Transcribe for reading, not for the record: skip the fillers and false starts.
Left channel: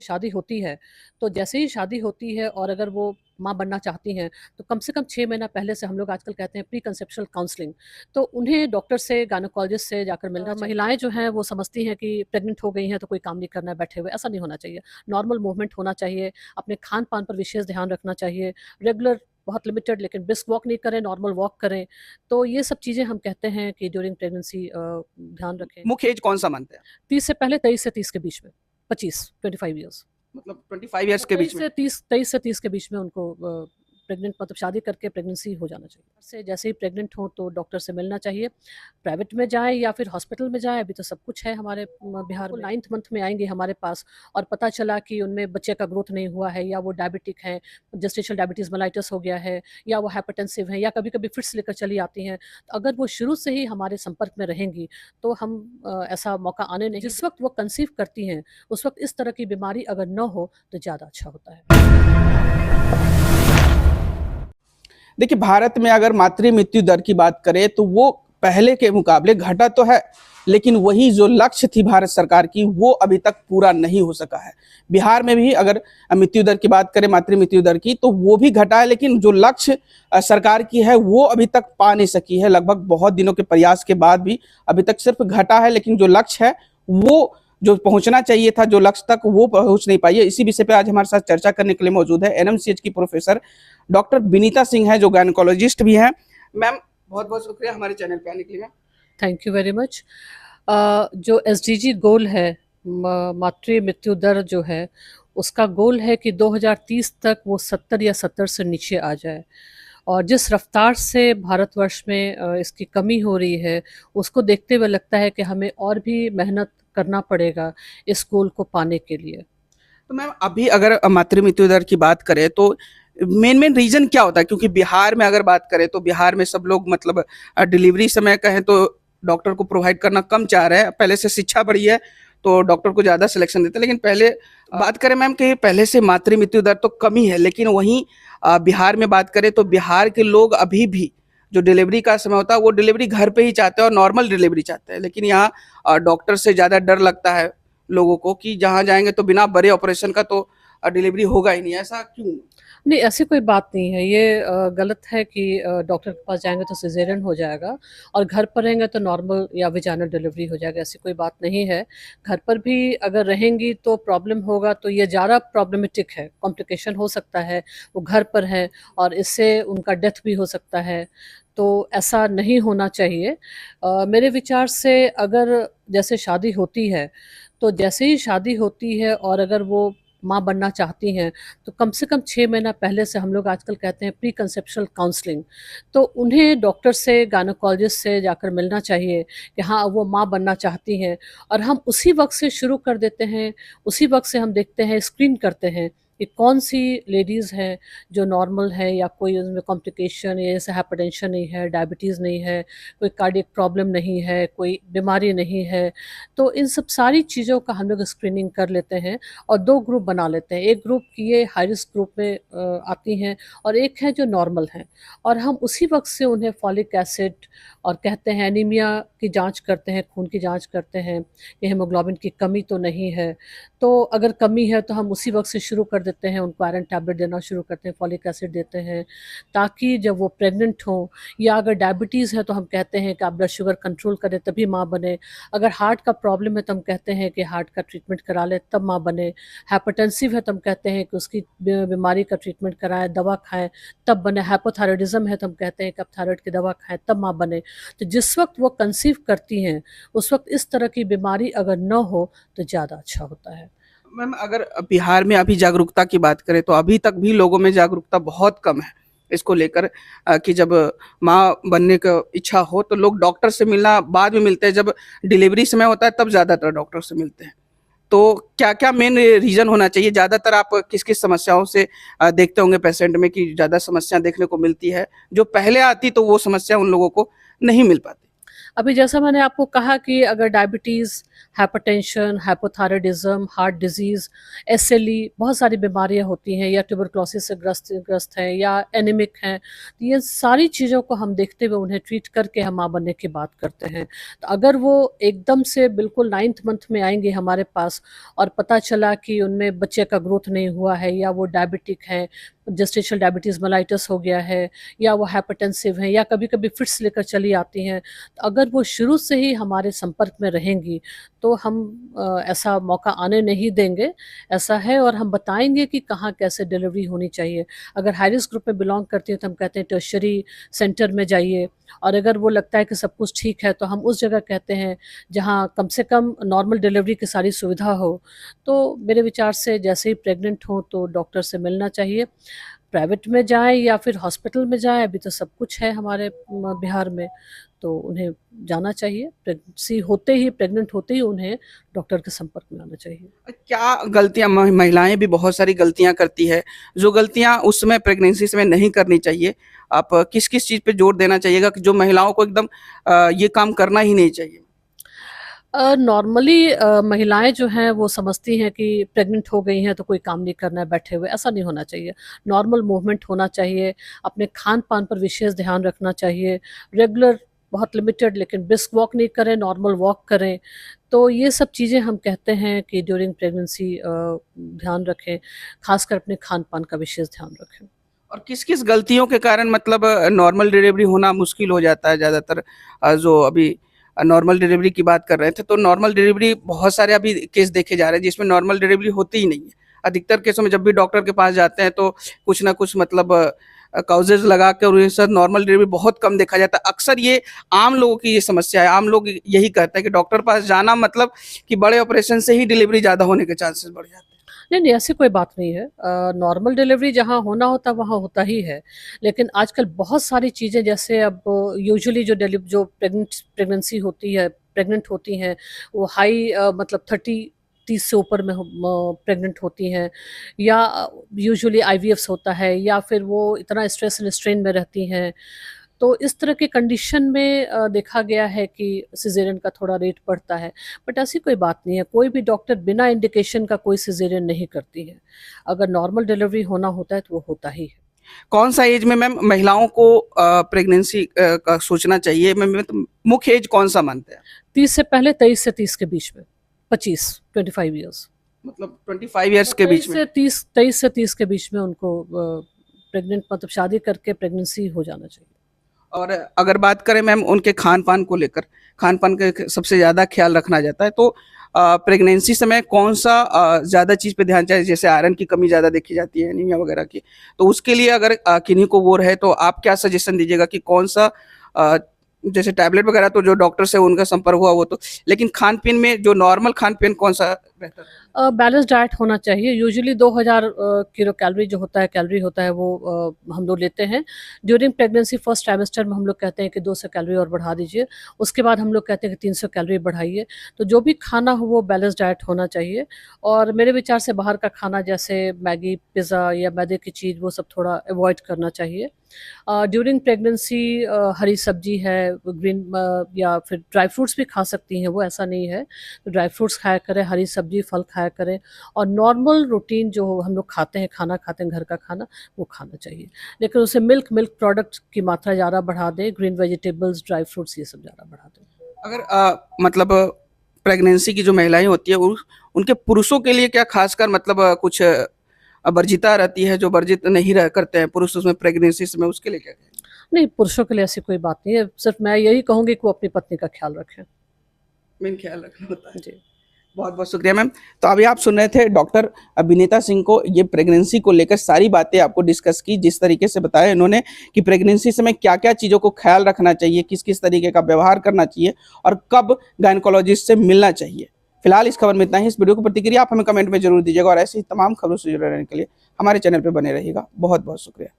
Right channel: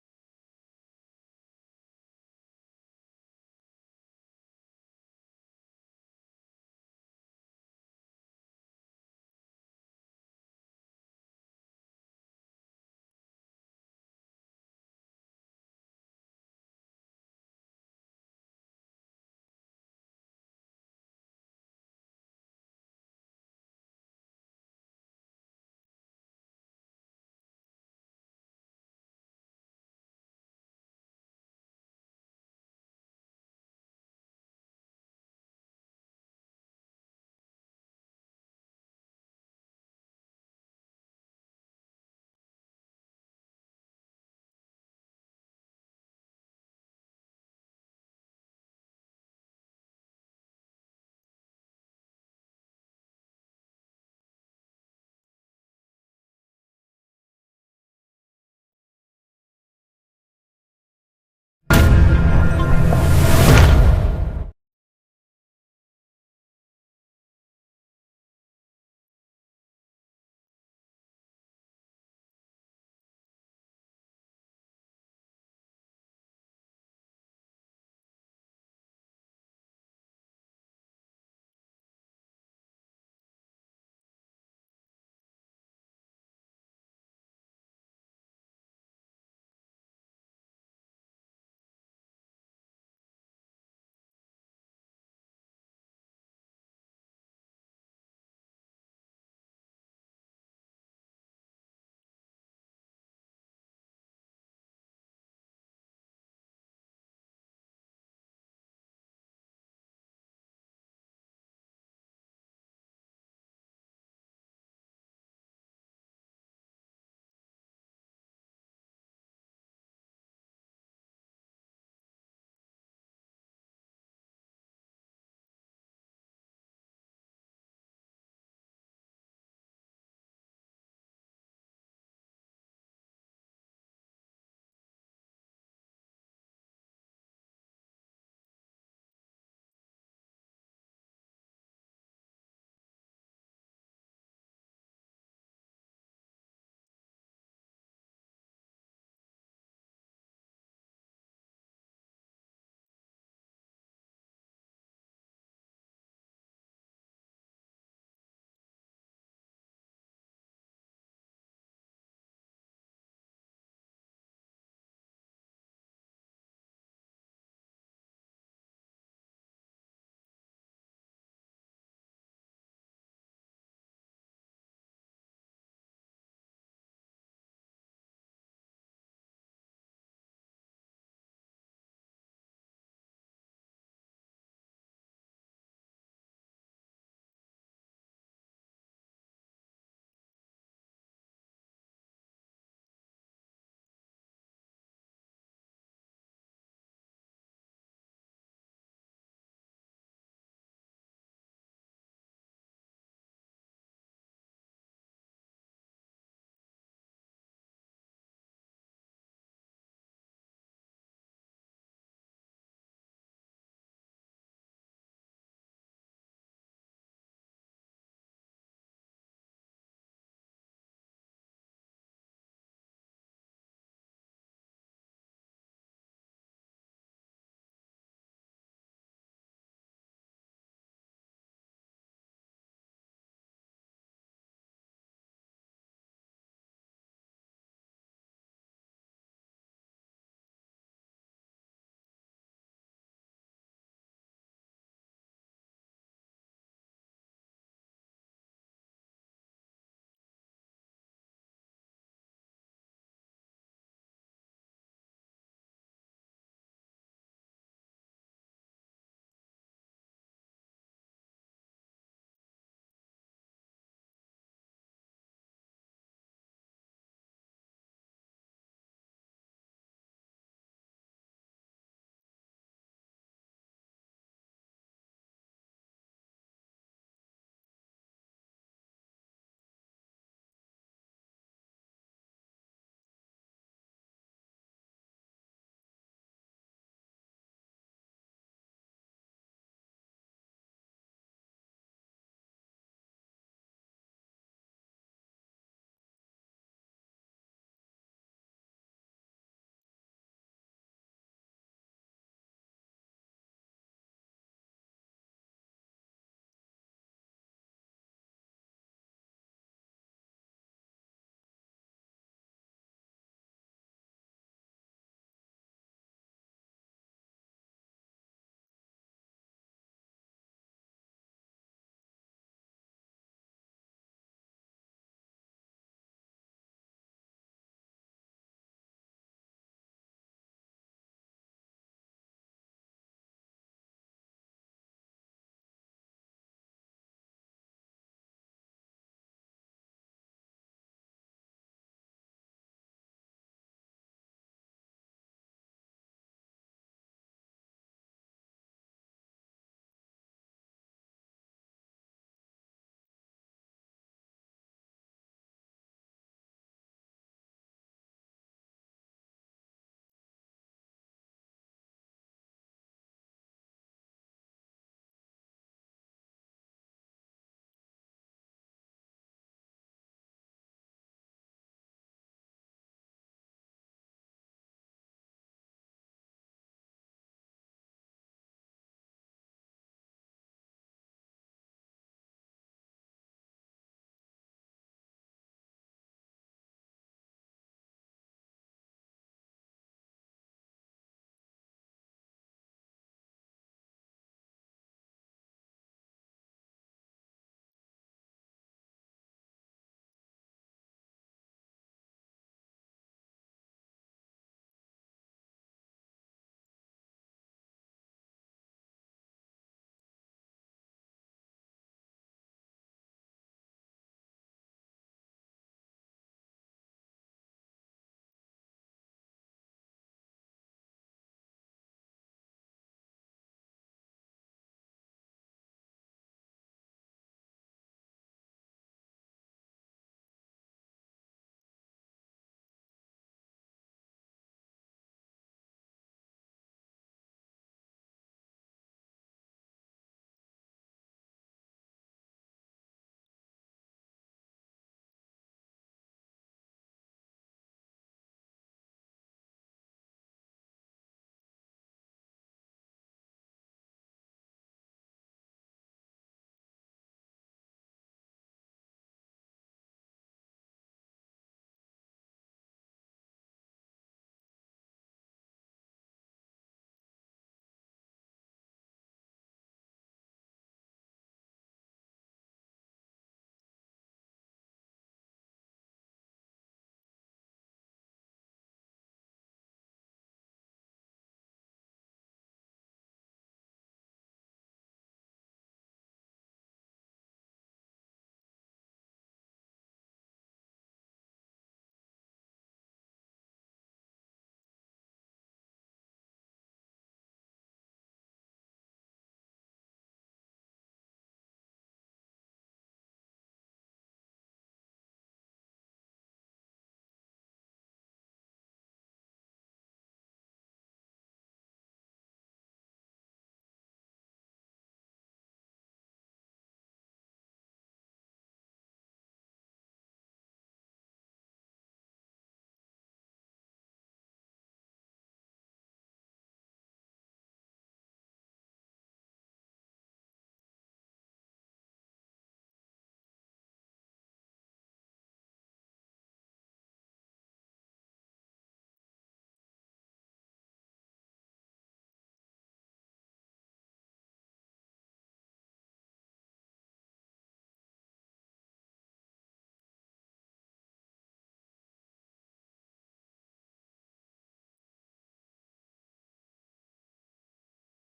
शादी होती है, तो जैसे ही शादी होती है और अगर वो माँ बनना चाहती हैं, तो कम से कम 6 महीना पहले से हम लोग आजकल कहते हैं प्री कंसेप्शुअल काउंसलिंग, तो उन्हें डॉक्टर से, गायनेकोलॉजिस्ट से जाकर मिलना चाहिए। महिलाएँ जो हैं वो समझती हैं कि प्रेग्नेंट हो गई हैं तो कोई काम नहीं करना है बैठे हुए, ऐसा नहीं होना चाहिए। नॉर्मल मूवमेंट होना चाहिए, अपने खान-पान पर विशेष ध्यान रखना चाहिए, रेगुलर बहुत लिमिटेड लेकिन ब्रिस्क वॉक नहीं करें, नॉर्मल वॉक करें। तो ये सब चीज़ें हम कहते हैं कि ड्यूरिंग प्रेगनेंसी ध्यान रखें। मुख्य एज कौन-सा मानते हैं? 30 से पहले, 23 से 30 के बीच में, 25, 25 ईयर्स। मतलब 25 इयर्स के बीच में? 23 से 30 के बीच में उनको प्रेग्नेंट मतलब शादी करके प्रेगनेंसी हो जाना चाहिए। से जैसे ही प्रेग्नेंट हो तो डॉक्टर से मिलना चाहिए। प्राइवेट में जाएँ या फिर हॉस्पिटल में जाएँ, अभी तो सब कुछ है हमारे बिहार में। 9th मंथ में आएँगे हमारे पास और पता चला कि उनमें बच्चे का ग्रोथ नहीं हुआ है या वो डायबिटिक हैं, जेस्टेशनल डायबिटीज़ मेलाइटस हो गया है या वो हाइपरटेंसिव हैं या कभी-कभी फिट्स लेकर चली आती हैं। तो अगर वो शुरू से ही हमारे संपर्क में रहेंगी, तो हम ऐसा मौका आने नहीं जिस वक़्त वो कंसीव करती हैं, उस वक़्त इस तरह की बीमारी अगर न हो, तो ज़्यादा अच्छा होता है। देखिए, भारत में अगर मातृ मृत्यु दर की बात करें तो वो पहले के मुकाबले घटा तो है, लेकिन वही जो लक्ष्य थी भारत सरकार की वो अभी तक पूरा नहीं हो सका है। बिहार में भी अगर मृत्यु दर की बात करें, मातृ मृत्यु दर की, तो वो भी घटा है, लेकिन जो लक्ष्य सरकार की है वो अभी तक पा नहीं सकी है। लगभग बहुत दिनों के प्रयास के बाद भी अभी तक सिर्फ घटा है, लेकिन जो लक्ष्य है वो जो पहुंचना चाहिए था जो लक्ष्य तक वो पहुंच नहीं पाई है। इसी विषय पे आज हमारे साथ चर्चा करने के लिए मौजूद है एनएमसीएच की प्रोफेसर डॉक्टर विनीता सिंह है, जो गायनेकोलॉजिस्ट भी हैं। मैम, बहुत बहुत शुक्रिया हमारे चैनल पे आने के लिए। Thank you very much. जो एसडीजी गोल है, मातृ मृत्यु दर जो है, उसका गोल है कि 2030 तक वो 70 या 70 से नीचे आ जाए। और जिस रफ्तार से भारतवर्ष में इसकी कमी हो रही है, उसको देखते हुए लगता है कि हमें और भी मेहनत करना पड़ेगा इस गोल को पाने के लिए। तो मैम, अभी अगर मातृ मृत्यु दर की बात करें तो मेन मेन रीजन क्या होता है? क्योंकि बिहार में अगर बात करें तो बिहार में सब लोग मतलब डिलीवरी समय कहें तो डॉक्टर को प्रोवाइड करना कम चाह रहे हैं। पहले से शिक्षा बढ़ी है तो डॉक्टर को ज़्यादा सिलेक्शन देते हैं, लेकिन पहले बात करें मैम कि पहले से मातृ मृत्यु दर तो कमी है, लेकिन वहीं बिहार में बात करें तो बिहार के लोग अभी भी जो डिलीवरी का समय होता है वो डिलीवरी घर पे ही चाहते हैं और नॉर्मल डिलीवरी चाहते हैं। लेकिन यहाँ डॉक्टर से ज़्यादा डर लगता है लोगों को कि जहाँ जाएँगे तो बिना बड़े ऑपरेशन का तो डिलीवरी होगा ही नहीं, ऐसा क्यों? नहीं, ऐसी कोई बात नहीं है। ये गलत है कि डॉक्टर के पास जाएँगे तो सिज़ेरियन हो जाएगा और घर पर रहेंगे तो नॉर्मल या वेजाइनल डिलीवरी हो जाएगा, ऐसी कोई बात नहीं है। घर पर भी अगर रहेंगी तो प्रॉब्लम होगा, तो ये ज़्यादा प्रॉब्लमेटिक है, कॉम्प्लिकेशन हो सकता है, वो घर पर हैं और इससे उनका डेथ भी हो सकता है, तो ऐसा नहीं होना चाहिए। मेरे विचार से अगर जैसे शादी होती है, तो जैसे ही शादी होती है और अगर वो माँ बनना चाहती हैं, तो कम से कम 6 महीना पहले से हम लोग आजकल कहते हैं प्री कंसेप्शुअल काउंसलिंग, तो उन्हें डॉक्टर से, गायनेकोलॉजिस्ट से जाकर मिलना चाहिए कि हाँ, वो माँ बनना चाहती हैं और हम उसी वक़्त से शुरू कर देते हैं, उसी वक़्त से हम देखते हैं, स्क्रीन करते हैं कि कौन-सी लेडीज़ हैं जो नॉर्मल है या कोई उनमें कॉम्प्लिकेशन या जैसे हाइपरटेंशन नहीं है, डायबिटीज़ नहीं है, कोई कार्डियक प्रॉब्लम नहीं है, कोई बीमारी नहीं है। तो इन सब सारी चीज़ों का हम लोग स्क्रीनिंग कर लेते हैं और 2 ग्रुप बना लेते हैं। एक ग्रुप की ये हाई रिस्क ग्रुप में आती हैं और एक है जो नॉर्मल हैं और हम उसी वक़्त से उन्हें फॉलिक एसिड और कहते हैं एनीमिया की जाँच करते हैं, खून की जाँच करते हैं कि हीमोग्लोबिन की कमी तो नहीं है। तो अगर कमी है तो हम उसी वक़्त से शुरू कर देते हैं, उनको आयरन टैबलेट देना शुरू करते हैं, फॉलिक एसिड देते हैं, ताकि जब वो प्रेग्नेंट हों या अगर डायबिटीज़ है तो हम कहते हैं कि आप ब्लड शुगर कंट्रोल करें तभी माँ बने। अगर हार्ट का प्रॉब्लम है तो हम कहते हैं कि हार्ट का ट्रीटमेंट करा लें तब माँ बने। हाइपरटेंसिव है तो हम कहते हैं कि उसकी बीमारी का ट्रीटमेंट कराएँ, दवा खाएँ तब बने। हाइपोथायरॉयडिज़्म है तो हम कहते हैं कि आप थायरॉइड की दवा खाएँ तब माँ बने। तो जिस वक़्त वो कंसीव करती हैं, उस वक़्त इस तरह की बीमारी अगर न हो तो ज़्यादा अच्छा होता है। मैम, अगर बिहार में अभी जागरूकता की बात करें तो अभी तक भी लोगों में जागरूकता बहुत कम है इसको लेकर कि जब माँ बनने का इच्छा हो तो लोग डॉक्टर से मिलना बाद में मिलते हैं, जब डिलीवरी समय होता है तब ज़्यादातर डॉक्टर से मिलते हैं। तो क्या-क्या मेन रीज़न होना चाहिए? ज़्यादातर आप किस-किस समस्याओं से देखते होंगे पेशेंट में कि ज़्यादा समस्या देखने को मिलती है? जो पहले आती तो वो समस्या उन लोगों को नहीं मिल पाती? अभी जैसा मैंने आपको कहा कि अगर diabetes, hypertension, hypothyroidism, heart disease, SLE बहुत सारी बीमारियाँ होती हैं या ट्यूबरकुलोसिस से ग्रस्त ग्रस्त हैं या एनीमिक हैं, तो ये सारी चीज़ों को हम देखते हुए उन्हें ट्रीट करके हम माँ बनने की बात करते हैं। तो अगर वो एकदम से बिल्कुल 9th मंथ में आएँगे हमारे पास और पता चला कि उनमें बच्चे का ग्रोथ नहीं हुआ है या वो डायबिटिक हैं, जेस्टेशनल डायबिटीज़ मेलाइटस हो गया है या वो हाइपरटेंसिव हैं या कभी-कभी फिट्स लेकर चली आती हैं, तो अगर वो शुरू से ही हमारे संपर्क में रहेंगी, तो हम ऐसा मौका आने नहीं देंगे, ऐसा है और हम बताएँगे कि कहाँ कैसे डिलीवरी होनी चाहिए। अगर हाई रिस्क ग्रुप में बिलॉन्ग करती हैं, तो हम कहते हैं टर्शियरी सेंटर में जाइए और अगर वो लगता है कि सब कुछ ठीक है, तो हम उस जगह कहते हैं, जहाँ कम से कम नॉर्मल डिलीवरी की सारी सुविधा हो। तो मेरे विचार से जैसे ही प्रेग्नेंट हों, तो डॉक्टर से मिलना चाहिए। प्राइवेट में जाएँ या फिर हॉस्पिटल में जाएँ, अभी तो सब कुछ है हमारे बिहार में, तो उन्हें जाना चाहिए। प्रेग्नेंसी होते ही, प्रेग्नेंट होते ही उन्हें डॉक्टर के संपर्क में आना चाहिए। क्या गलतियाँ महिलाएँ भी बहुत सारी गलतियाँ करती है, जो गलतियाँ उस समय प्रेगनेंसी समय नहीं करनी चाहिए। आप किस-किस चीज़ पे जोर देना चाहिएगा कि जो महिलाओं को एकदम ये काम करना ही नहीं चाहिए? नॉर्मली महिलाएँ जो हैं वो समझती हैं कि प्रेग्नेंट हो गई हैं तो कोई काम नहीं करना है बैठे हुए, ऐसा नहीं होना चाहिए। नॉर्मल मूवमेंट होना चाहिए, अपने खान-पान पर विशेष ध्यान रखना चाहिए, रेगुलर बहुत लिमिटेड लेकिन ब्रिस्क वॉक नहीं करें, नॉर्मल वॉक करें। तो ये सब चीज़ें हम कहते हैं कि ड्यूरिंग प्रेगनेंसी ध्यान रखें, ख़ासकर अपने खान-पान का विशेष ध्यान रखें। और किस-किस गलतियों के कारण मतलब नॉर्मल डिलीवरी होना मुश्किल हो जाता है ज़्यादातर जो अभी नॉर्मल डिलीवरी की बात कर रहे थे, तो नॉर्मल डिलीवरी बहुत सारे अभी केस देखे जा रहे हैं जिसमें नॉर्मल डिलीवरी होती ही नहीं है। अधिकतर केसों में जब भी डॉक्टर के पास जाते हैं तो कुछ ना कुछ मतलब कॉजेज़ लगा के और ये सब नॉर्मल डिलीवरी बहुत कम देखा जाता है। अक्सर ये आम लोगों की ये समस्या है, आम लोग यही कहते हैं कि डॉक्टर पास जाना मतलब कि बड़े ऑपरेशन से ही डिलीवरी ज़्यादा होने के चांसेस बढ़ जाते हैं। नहीं, नहीं, ऐसी कोई बात नहीं है। नॉर्मल डिलीवरी जहाँ होना होता है, वहाँ होता ही है। लेकिन आजकल बहुत सारी चीज़ें जैसे अब यूजुअली जो प्रेगनेंसी होती है, प्रेग्नेंट होती हैं, वो हाई मतलब 30 से ऊपर में प्रेग्नेंट होती हैं या यूजुअली आईवीएफ्स होता है या फिर वो इतना स्ट्रेस एंड स्ट्रेन में रहती हैं। तो इस तरह के कंडीशन में देखा गया है कि सिज़ेरियन का थोड़ा रेट बढ़ता है। बट ऐसी कोई बात नहीं है, कोई भी डॉक्टर बिना इंडिकेशन का कोई सिज़ेरियन नहीं करती है। अगर नॉर्मल डिलीवरी होना होता है, तो वो होता ही है। कौन-सा एज में मैम महिलाओं को प्रेगनेंसी का सोचना चाहिए? मैं तो मुख्य एज कौन-सा मानते हैं? 30 से पहले 23 से 30 के बीच में, 25 ईयर्स। मतलब 25 इयर्स के बीच में? 23 से 30 के बीच में उनको प्रेग्नेंट मतलब शादी करके प्रेगनेंसी हो जाना चाहिए। और अगर बात करें मैम उनके खान-पान को लेकर, खान-पान का सबसे ज़्यादा ख़्याल रखना जाता है, तो प्रेगनेंसी समय कौन-सा ज़्यादा चीज़ पे ध्यान चाहिए? जैसे आयरन की कमी ज़्यादा देखी जाती है, एनीमिया वगैरह की। तो उसके लिए अगर किन्हीं को वो रहे, तो आप क्या सजेशन दीजिएगा कि कौन-सा अ, जैसे टैबलेट वगैरह तो जो डॉक्टर से उनका संपर्क हुआ वो तो, लेकिन खान-पीन में जो नॉर्मल खान-पीन कौन-सा बेहतर है? बैलेंस डाइट होना चाहिए। यूजुअली 2000 किलो कैलोरी जो होता है कैलोरी होता है वो हम लोग लेते हैं। ड्यूरिंग प्रेगनेंसी फर्स्ट ट्राइमेस्टर में हम लोग कहते हैं कि 200 कैलोरी और बढ़ा दीजिए। उसके बाद हम लोग कहते हैं कि 300 कैलोरी बढ़ाइए। तो जो भी खाना हो वो बैलेंस डाइट होना चाहिए और मेरे विचार से बाहर का खाना जैसे मैगी, पिज़्ज़ा या मैदे की चीज़ वो सब थोड़ा अवॉइड करना चाहिए। ड्यूरिंग प्रेगनेंसी हरी सब्ज़ी है, ग्रीन या फिर ड्राई फ्रूट्स भी खा सकती हैं वो, ऐसा नहीं है। तो ड्राई फ्रूट्स खाया करें, हरी सब्ज़ी, फल खाया करें और नॉर्मल रूटीन जो हम लोग खाते हैं, खाना खाते हैं घर का खाना, वो खाना चाहिए। लेकिन उससे मिल्क प्रोडक्ट की मात्रा ज़्यादा बढ़ा दें, ग्रीन वेजिटेबल्स, ड्राई फ्रूट्स ये सब ज़्यादा बढ़ा दें। अगर मतलब प्रेगनेंसी की जो महिलाएँ होती हैं, उनके पुरुषों के लिए क्या ख़ासकर मतलब कुछ वर्जिता रहती है, जो वर्जित नहीं रह करते हैं पुरुष उसमें प्रेगनेंसी समय, उसके लिए क्या कहेंगे? नहीं, पुरुषों के लिए ऐसी कोई बात नहीं है, सिर्फ़ मैं यही कहूँगी कि वो अपनी पत्नी का ख़्याल रखें। मेन ख्याल रखना होता है। जी। बहुत-बहुत शुक्रिया मैम। तो अभी आप सुन रहे थे डॉक्टर विनीता सिंह को, ये प्रेगनेंसी को लेकर सारी बातें आपको डिस्कस की, जिस तरीके से बताया इन्होंने कि प्रेगनेंसी समय क्या-क्या चीज़ों को ख़्याल रखना चाहिए, किस-किस तरीके का व्यवहार करना चाहिए और कब गायनेकोलॉजिस्ट से मिलना चाहिए। फिलहाल इस खबर में इतना ही। इस वीडियो की प्रतिक्रिया आप हमें कमेंट में ज़रूर दीजिएगा और ऐसी ही तमाम खबरों से जुड़े रहने के लिए हमारे चैनल पे बने रहिएगा। बहुत-बहुत शुक्रिया।